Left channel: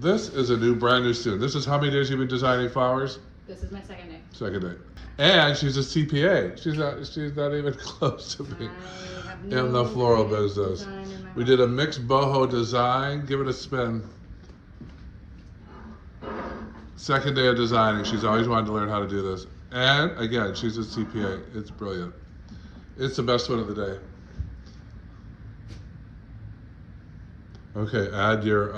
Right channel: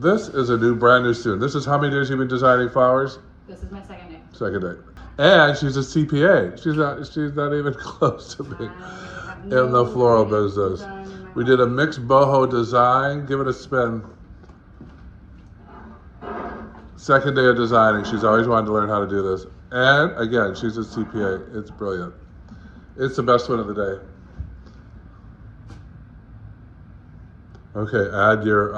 This is a brand new student. This is how many days you've been designing flowers? This is my second day. Second day. And she's a CPA. She's not even close to me in the floral business. We did a mixed boho design. Give it a spin. Second day of designing. She's always wanted to learn how to do this. And again, she's a CPA. It's brilliant. It's the best one of the day. Okay, add your,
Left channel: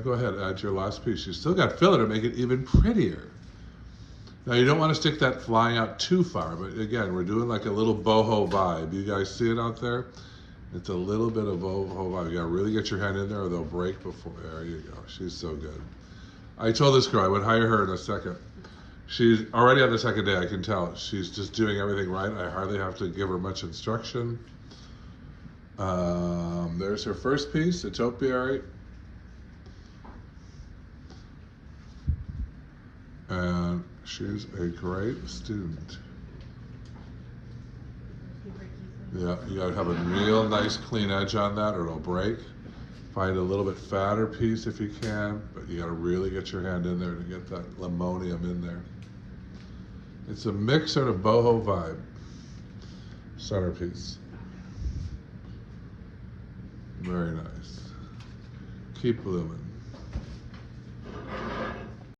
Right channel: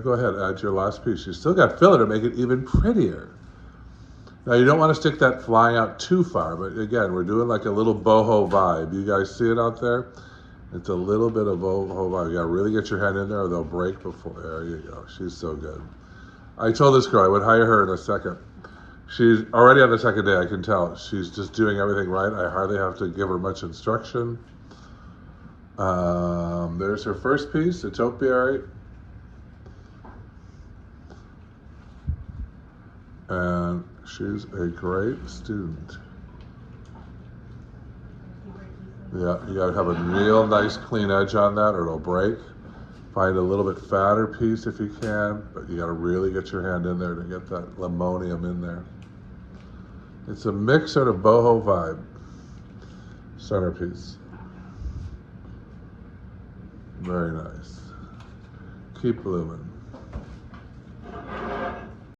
go ahead, add your last piece. You still got filler to make it even prettier. Now you don't want to stick that flying out too far, but again, we're doing like a little boho vibe. You guys see it out there? It's a little bit of boho vibe. You gotta really get your hand in there or they'll break before. There you go, she's so good. I told this girl I would hire her in a second. She's already on the second day, I can tell. She's just doing everything right. I hardly have to give her much instruction. There's her first piece, a topiary. And she's a great student. Yeah, you gotta have a real nice clean edge on that or it'll break. Find a little bit fatter piece if you can, but you gotta really get your hand in there to get that limonium in there. It's a mix sort of boho vibe. Centerpiece. Very nice. Keep blooming.